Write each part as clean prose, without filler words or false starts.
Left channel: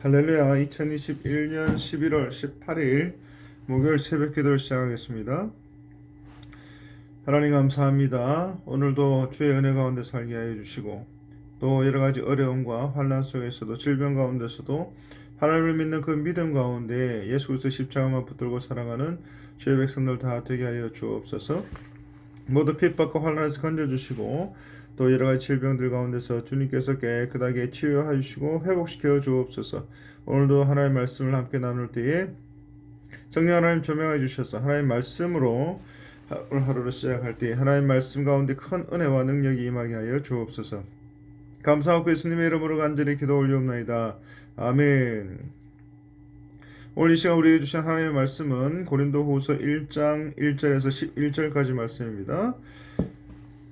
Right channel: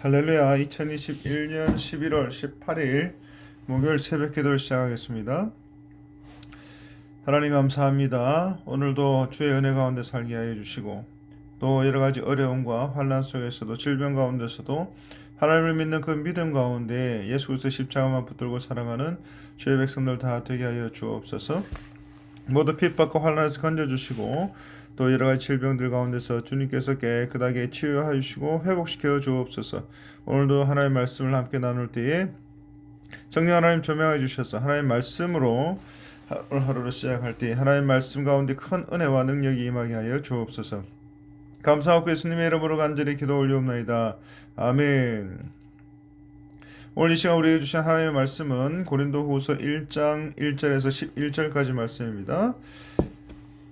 할렐루야. 2021년 11월 18일 목요일 새벽 기도를 시작하겠습니다. 하나님 감사합니다. 오늘도 주의 은혜 가운데 살게 하여 주시고 또 여러가지 어려움과 환난 속에서도 질병 가운데서도 하나님을 믿는 그 믿음 가운데 예수 그리스도 십자가만 붙들고 살아가는 주의 백성들 다 되게 하여 주옵소서. 모두 핍박과 환난에서 건져주시고 또 여러가지 질병들 가운데서 주님께서 깨끗하게 치유하여 주시고 회복시켜 주옵소서. 오늘도 하나님의 말씀을 함께 나눌 때에 성령 하나님 조명해 주셔서 하나님의 말씀으로 오늘 하루를 시작할 때 하나님의 말씀 가운데 큰 은혜와 능력이 임하게 하여 주옵소서. 감사하고 예수님의 이름으로 간절히 기도 올리옵나이다. 아멘. 오늘 이 시간 우리에게 주신 하나님의 말씀은 고린도후서 1장 1절에서 11절까지 말씀입니다.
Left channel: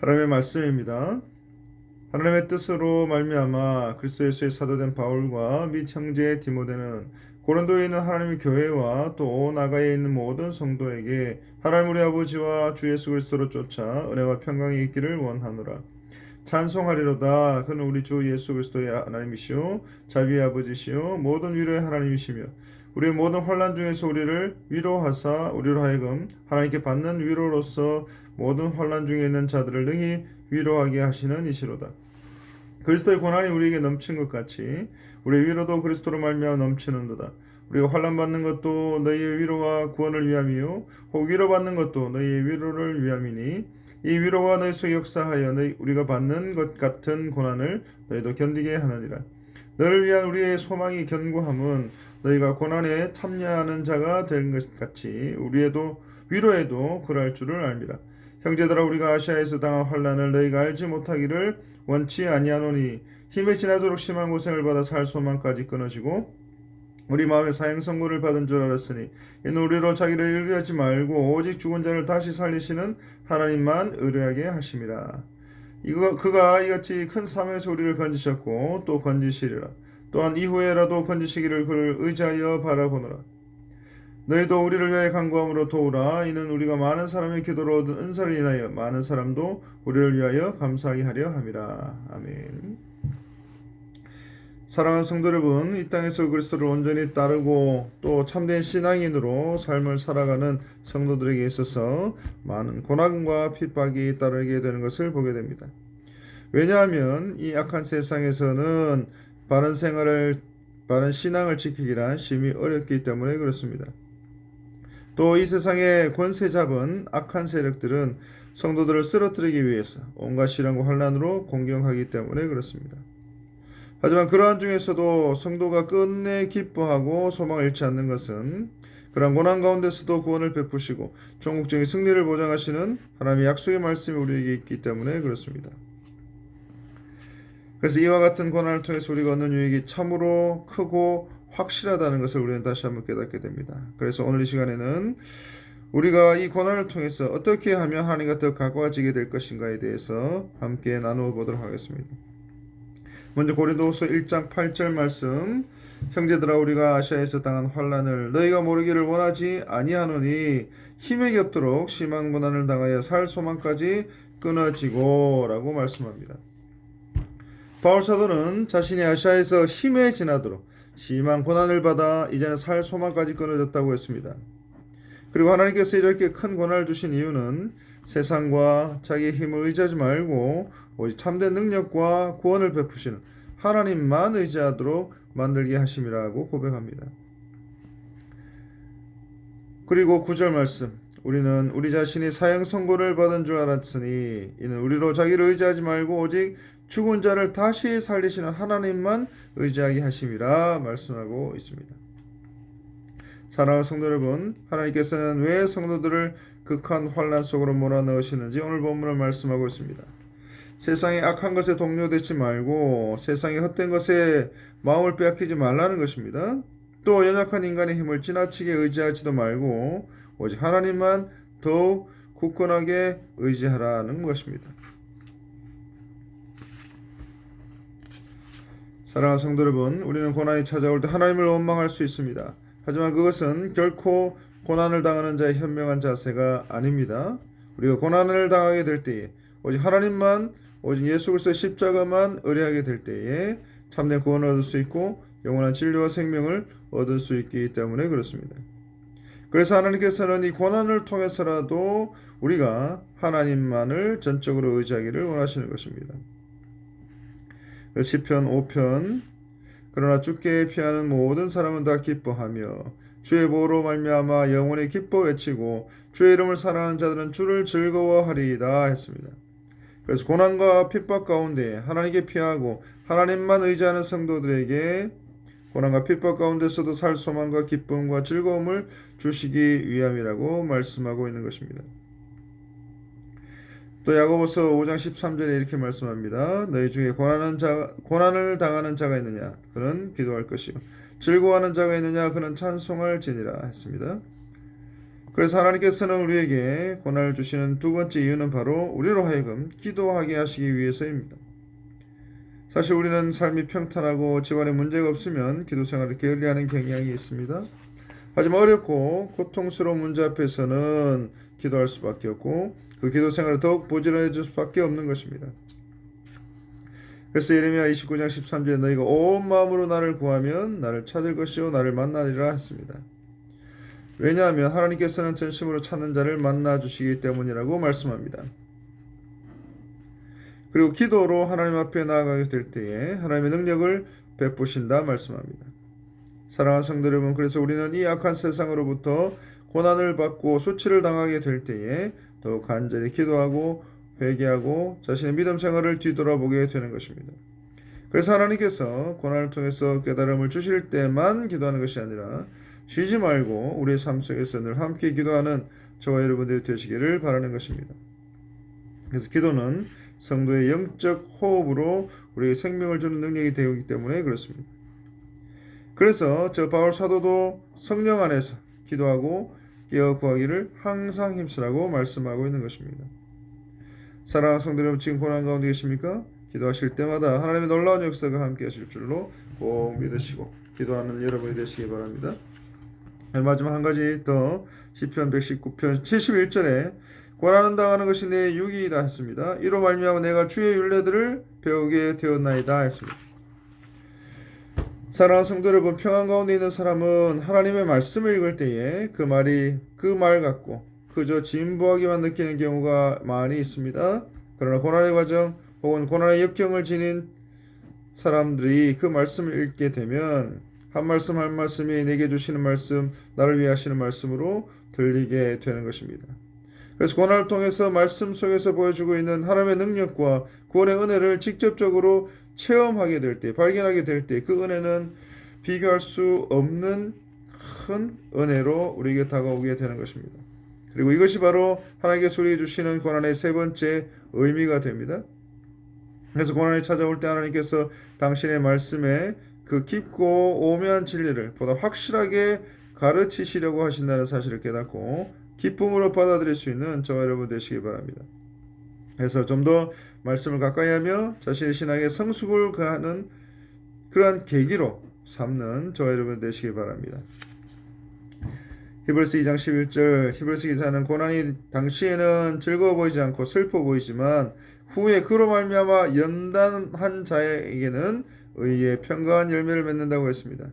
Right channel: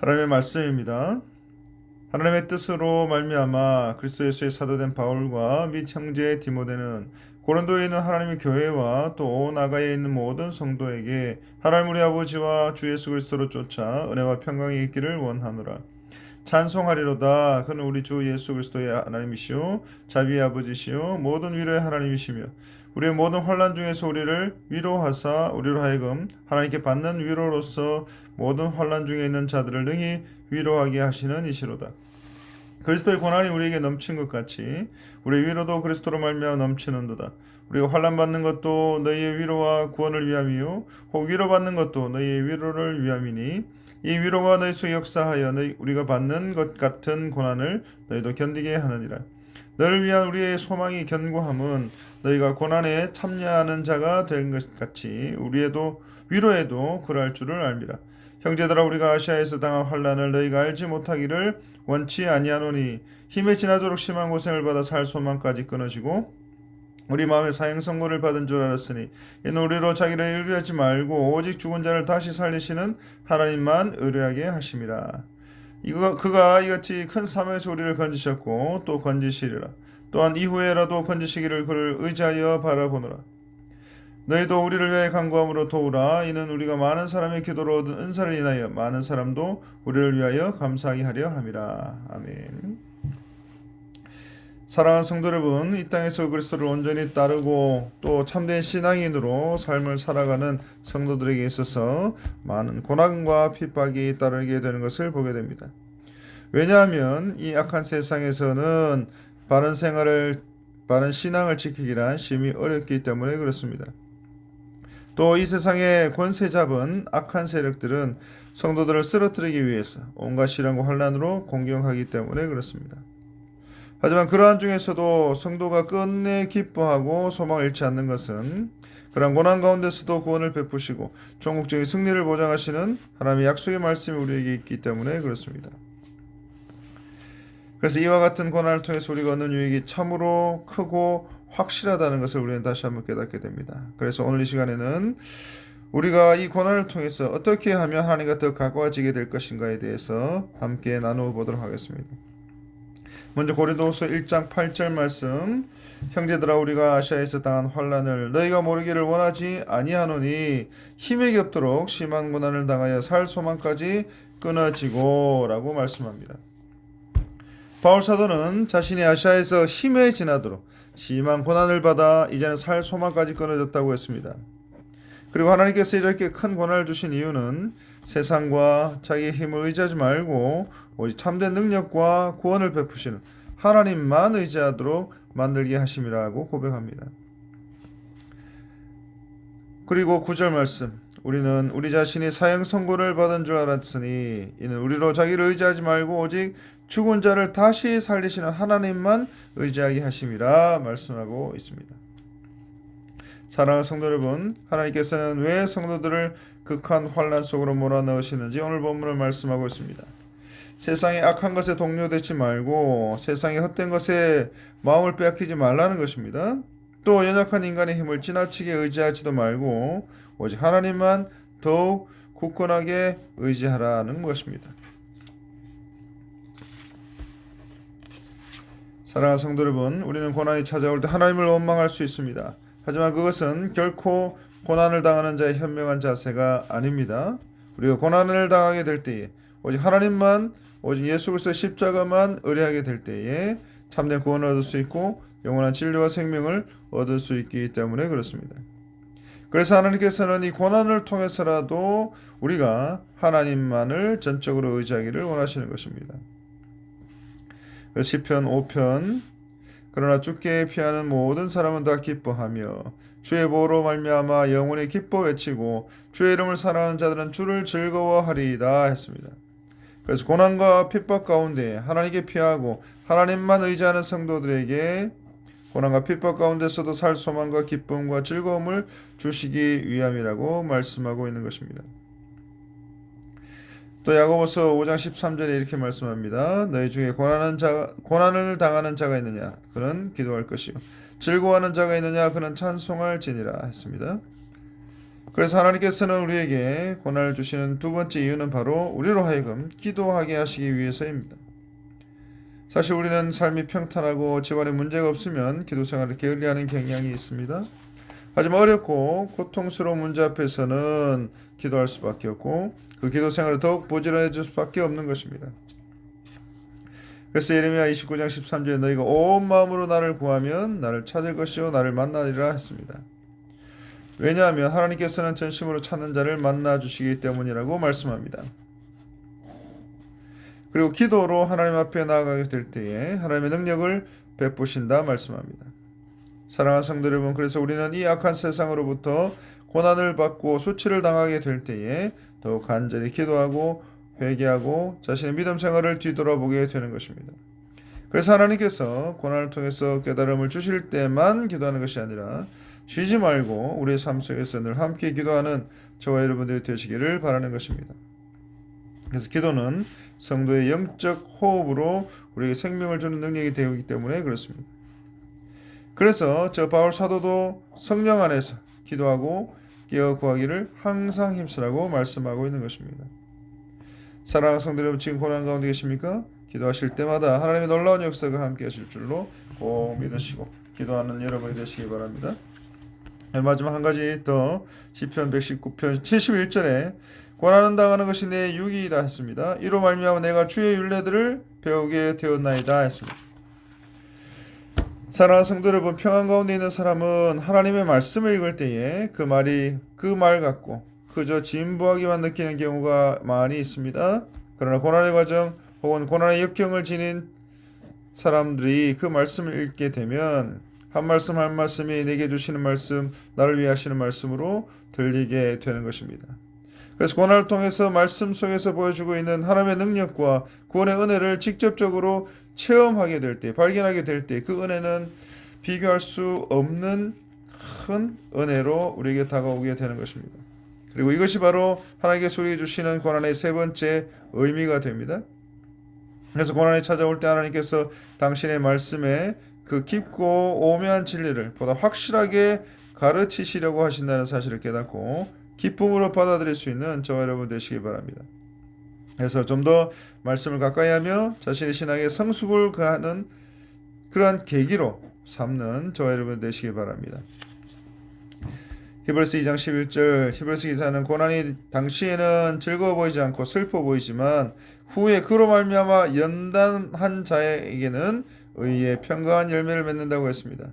하나님의 말씀입니다. 하나님의 뜻으로 말미암아 그리스도 예수의 사도된 바울과 및 형제 디모데는 고린도에 있는 하나님의 교회와 또 나가에 있는 모든 성도에게 하나님 우리 아버지와 주 예수 그리스도로 쫓아 은혜와 평강이 있기를 원하노라. 찬송하리로다. 그는 우리 주 예수 그리스도의 하나님이시오 자비의 아버지시오 모든 위로의 하나님이시며 우리의 모든 환난 중에서 우리를 위로하사 우리로 하여금 하나님께 받는 위로로서 모든 환난 중에 있는 자들을 능히 위로하게 하시는 이시로다. 그리스도의 고난이 우리에게 넘친 것 같이 우리의 위로도 그리스도로 말미암아 넘치는도다. 우리가 환난 받는 것도 너희의 위로와 구원을 위함이요 혹 위로받는 것도 너희의 위로를 위함이니 이 위로가 너희 속에 역사하여 우리가 받는 것 같은 고난을 너희도 견디게 하느니라. 너를 위한 우리의 소망이 견고함은 너희가 고난에 참여하는 자가 된 것 같이 우리의 위로에도 그러할 줄을 알미라. 형제들아 우리가 아시아에서 당한 환난을 너희가 알지 못하기를 원치 아니하노니 힘에 지나도록 심한 고생을 받아 살 소망까지 끊어지고 우리 마음에 사형 선고를 받은 줄 알았으니 이는 우리로 자기를 의뢰하지 말고 오직 죽은 자를 다시 살리시는 하나님만 의뢰하게 하심이라. 그가 이같이 큰 사명에서 우리를 건지셨고 또 건지시리라. 또한 이후에라도 건지시기를 그를 의지하여 바라보노라. 너희도 우리를 위해 간구함으로 도우라. 이는 우리가 많은 사람의 기도로 얻은 은사를 인하여 많은 사람도 우리를 위하여 감사하게 하려 함이라. 아멘. 사랑하는 성도 여러분, 이 땅에서 그리스도를 온전히 따르고 또 참된 신앙인으로 삶을 살아가는 성도들에게 있어서 많은 고난과 핍박이 따르게 되는 것을 보게 됩니다. 왜냐하면 이 악한 세상에서는 바른 신앙을 지키기란 심히 어렵기 때문에 그렇습니다. 또 이 세상의 권세 잡은 악한 세력들은 성도들을 쓰러뜨리기 위해서 온갖 시련과 환난으로 공격하기 때문에 그렇습니다. 하지만 그러한 중에서도 성도가 끝내 기뻐하고 소망을 잃지 않는 것은 그러한 고난 가운데서도 구원을 베푸시고 전국적인 승리를 보장하시는 하나님의 약속의 말씀이 우리에게 있기 때문에 그렇습니다. 그래서 이와 같은 고난을 통해서 우리가 얻는 유익이 참으로 크고 확실하다는 것을 우리는 다시 한번 깨닫게 됩니다. 그래서 오늘 이 시간에는 우리가 이 고난을 통해서 어떻게 하면 하나님과 더 가까워지게 될 것인가에 대해서 함께 나누어 보도록 하겠습니다. 먼저 고린도후서 1장 8절 말씀. 형제들아 우리가 아시아에서 당한 환난을 너희가 모르기를 원하지 아니하노니 힘에 겹도록 심한 고난을 당하여 살 소망까지 끊어지고 라고 말씀합니다. 바울 사도는 자신이 아시아에서 힘에 지나도록 심한 고난을 받아 이제는 살 소망까지 끊어졌다고 했습니다. 그리고 하나님께서 이렇게 큰 고난을 주신 이유는 세상과 자기의 힘을 의지하지 말고 오직 참된 능력과 구원을 베푸시는 하나님만 의지하도록 만들게 하심이라고 고백합니다. 그리고 9절 말씀. 우리는 우리 자신이 사형 선고를 받은 줄 알았으니 이는 우리로 자기를 의지하지 말고 오직 죽은 자를 다시 살리시는 하나님만 의지하게 하심이라 말씀하고 있습니다. 사랑하는 성도 여러분, 하나님께서는 왜 성도들을 극한 환난 속으로 몰아넣으시는지 오늘 본문을 말씀하고 있습니다. 세상의 악한 것에 동요되지 말고 세상의 헛된 것에 마음을 빼앗기지 말라는 것입니다. 또 연약한 인간의 힘을 지나치게 의지하지도 말고 오직 하나님만 더욱 굳건하게 의지하라는 것입니다. 사랑하는 성도 여러분, 우리는 고난이 찾아올 때 하나님을 원망할 수 있습니다. 하지만 그것은 결코 고난을 당하는 자의 현명한 자세가 아닙니다. 우리가 고난을 당하게 될 때에 오직 하나님만 오직 예수 그리스도의 십자가만 의뢰하게 될 때에 참된 구원을 얻을 수 있고 영원한 진리와 생명을 얻을 수 있기 때문에 그렇습니다. 그래서 하나님께서는 이 고난을 통해서라도 우리가 하나님만을 전적으로 의지하기를 원하시는 것입니다. 시편 5편 그러나 주께 피하는 모든 사람은 다 기뻐하며 주의 보호로 말미암아 영원히 기뻐 외치고 주의 이름을 사랑하는 자들은 주를 즐거워하리이다 했습니다. 그래서 고난과 핍박 가운데 하나님께 피하고 하나님만 의지하는 성도들에게 고난과 핍박 가운데서도 살 소망과 기쁨과 즐거움을 주시기 위함이라고 말씀하고 있는 것입니다. 또 야고보서 5장 13절에 이렇게 말씀합니다. 너희 중에 고난을 당하는 자가 있느냐? 그는 기도할 것이요 즐거워하는 자가 있느냐? 그는 찬송할지니라 했습니다. 그래서 하나님께서는 우리에게 고난을 주시는 두 번째 이유는 바로 우리로 하여금 기도하게 하시기 위해서입니다. 사실 우리는 삶이 평탄하고 집안에 문제가 없으면 기도 생활을 게을리하는 경향이 있습니다. 하지만 어렵고 고통스러운 문제 앞에서는 기도할 수밖에 없고 그 기도 생활을 더욱 부지런해질 수밖에 없는 것입니다. 그래서 예레미야 29장 13절에 너희가 온 마음으로 나를 구하면 나를 찾을 것이요 나를 만나리라 했습니다. 왜냐하면 하나님께서는 전심으로 찾는 자를 만나 주시기 때문이라고 말씀합니다. 그리고 기도로 하나님 앞에 나아가게 될 때에 하나님의 능력을 베푸신다 말씀합니다. 사랑하는 성도 여러분, 그래서 우리는 이 악한 세상으로부터 고난을 받고 수치를 당하게 될 때에 더욱 간절히 기도하고 회개하고 자신의 믿음 생활을 뒤돌아보게 되는 것입니다. 그래서 하나님께서 고난을 통해서 깨달음을 주실 때만 기도하는 것이 아니라 쉬지 말고 우리의 삶 속에서 늘 함께 기도하는 저와 여러분들이 되시기를 바라는 것입니다. 그래서 기도는 성도의 영적 호흡으로 우리에게 생명을 주는 능력이 되기 때문에 그렇습니다. 그래서 저 바울 사도도 성령 안에서 기도하고 깨어 구하기를 항상 힘쓰라고 말씀하고 있는 것입니다. 사랑하는 성도 여러분, 지금 고난 가운데 계십니까? 기도하실 때마다 하나님의 놀라운 역사가 함께 하실 줄로 꼭 믿으시고 기도하는 여러분이 되시기 바랍니다. 마지막 한 가지 더 시편 119편 71절에 고난은 당하는 것이 내 유익이라 했습니다. 이로 말미암아 내가 주의 율례들을 배우게 되었나이다 했습니다. 사랑하는 성도 여러분, 평안 가운데 있는 사람은 하나님의 말씀을 읽을 때에 그 말이 그 말 같고 그저 진부하기만 느끼는 경우가 많이 있습니다. 그러나 고난의 과정 혹은 고난의 역경을 지닌 사람들이 그 말씀을 읽게 되면 한 말씀 한 말씀이 내게 주시는 말씀, 나를 위해 하시는 말씀으로 들리게 되는 것입니다. 그래서 고난을 통해서 말씀 속에서 보여주고 있는 하나님의 능력과 구원의 은혜를 직접적으로 체험하게 될 때, 발견하게 될 때 그 은혜는 비교할 수 없는 큰 은혜로 우리에게 다가오게 되는 것입니다. 그리고 이것이 바로 하나님께서 우리에게 주시는 고난의 세 번째 의미가 됩니다. 그래서 고난이 찾아올 때 하나님께서 당신의 말씀에 그 깊고 오묘한 진리를 보다 확실하게 가르치시려고 하신다는 사실을 깨닫고 기쁨으로 받아들일 수 있는 저와 여러분 되시기 바랍니다. 그래서 좀 더 말씀을 가까이 하며 자신의 신앙에 성숙을 가하는 그러한 계기로 삼는 저와 여러분 되시기 바랍니다. 히브리서 2장 11절 히브리서 기사는 고난이 당시에는 즐거워 보이지 않고 슬퍼 보이지만 후에 그로 말미암아 연단한 자에게는 의의 평강한 열매를 맺는다고 했습니다.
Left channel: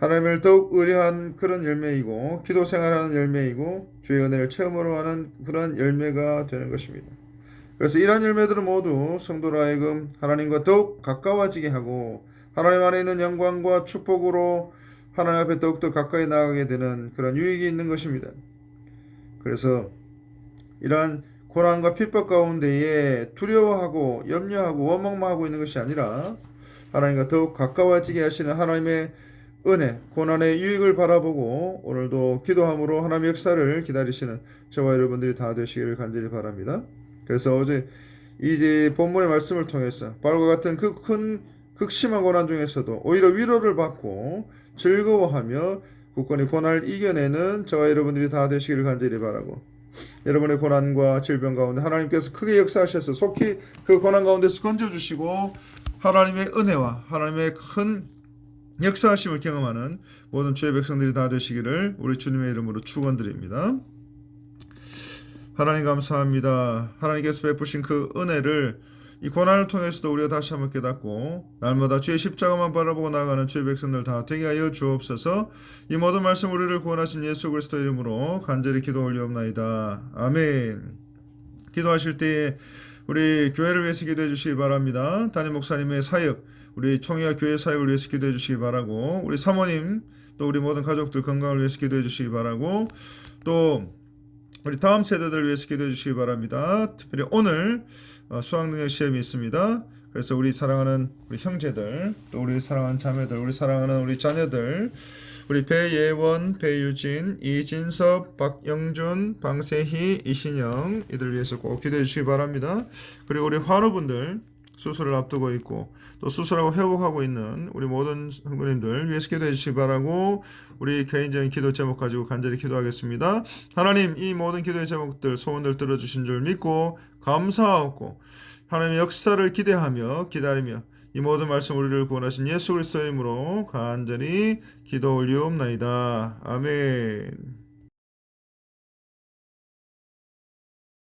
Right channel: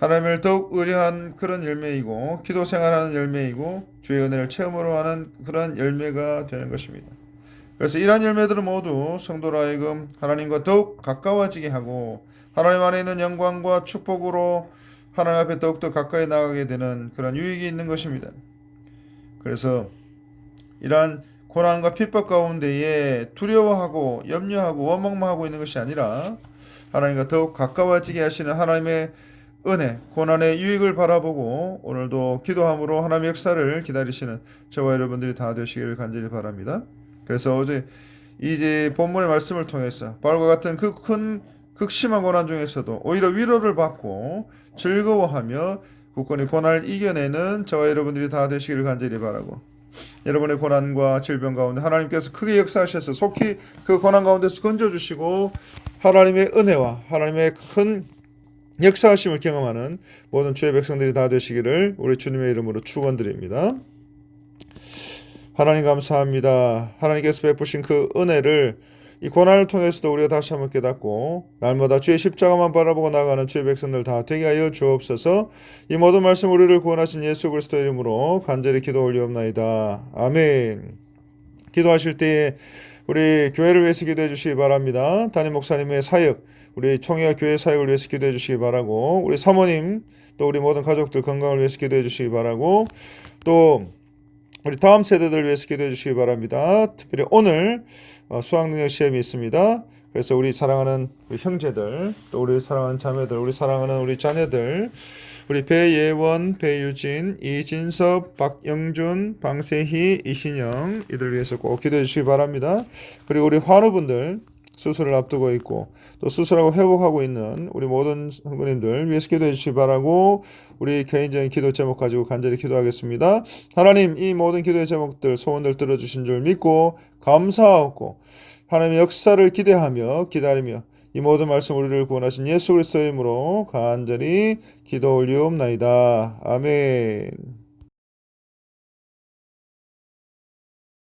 하나님을 더욱 의뢰한 그런 열매이고 기도 생활하는 열매이고 주의 은혜를 체험으로 하는 그런 열매가 되는 것입니다. 그래서 이러한 열매들은 모두 성도로 하여금 하나님과 더욱 가까워지게 하고 하나님 안에 있는 영광과 축복으로 하나님 앞에 더욱더 가까이 나가게 되는 그런 유익이 있는 것입니다. 그래서 이러한 고난과 핍박 가운데에 두려워하고 염려하고 원망하고 있는 것이 아니라 하나님과 더욱 가까워지게 하시는 하나님의 은혜, 고난의 유익을 바라보고 오늘도 기도함으로 하나님의 역사를 기다리시는 저와 여러분들이 다 되시기를 간절히 바랍니다. 그래서 어제 이제 본문의 말씀을 통해서 바울과 같은 그 큰 극심한 고난 중에서도 오히려 위로를 받고 즐거워하며 굳건히 고난을 이겨내는 저와 여러분들이 다 되시기를 간절히 바라고 여러분의 고난과 질병 가운데 하나님께서 크게 역사하셔서 속히 그 고난 가운데서 건져주시고 하나님의 은혜와 하나님의 큰 역사하심을 경험하는 모든 주의 백성들이 다 되시기를 우리 주님의 이름으로 축원드립니다. 하나님 감사합니다. 하나님께서 베푸신 그 은혜를 이 고난을 통해서도 우리가 다시 한번 깨닫고 날마다 주의 십자가만 바라보고 나아가는 주의 백성들 다 되게 하여 주옵소서. 이 모든 말씀 우리를 구원하신 예수 그리스도 이름으로 간절히 기도 올리옵나이다. 아멘. 기도하실 때에 우리 교회를 위해서 기도해 주시기 바랍니다. 담임 목사님의 사역, 우리 총회와 교회 사역을 위해서 기도해 주시기 바라고, 우리 사모님, 또 우리 모든 가족들 건강을 위해서 기도해 주시기 바라고, 또 우리 다음 세대들을 위해서 기도해 주시기 바랍니다. 특별히 오늘 수학능력 시험이 있습니다. 그래서 우리 사랑하는 우리 형제들, 또 우리 사랑하는 자매들, 우리 사랑하는 우리 자녀들, 우리 배예원, 배유진, 이진섭, 박영준, 방세희, 이신영 이들 위해서 꼭 기도해 주시기 바랍니다. 그리고 우리 환우분들 수술을 앞두고 있고 또 수술하고 회복하고 있는 우리 모든 성도님들 위해서 기도해 주시기 바라고, 우리 개인적인 기도 제목 가지고 간절히 기도하겠습니다. 하나님, 이 모든 기도의 제목들 소원들 들어주신 줄 믿고 감사하고 하나님의 역사를 기대하며 기다리며 이 모든 말씀 우리를 구원하신 예수 그리스도 이름으로 간절히 기도 올리옵나이다. 아멘.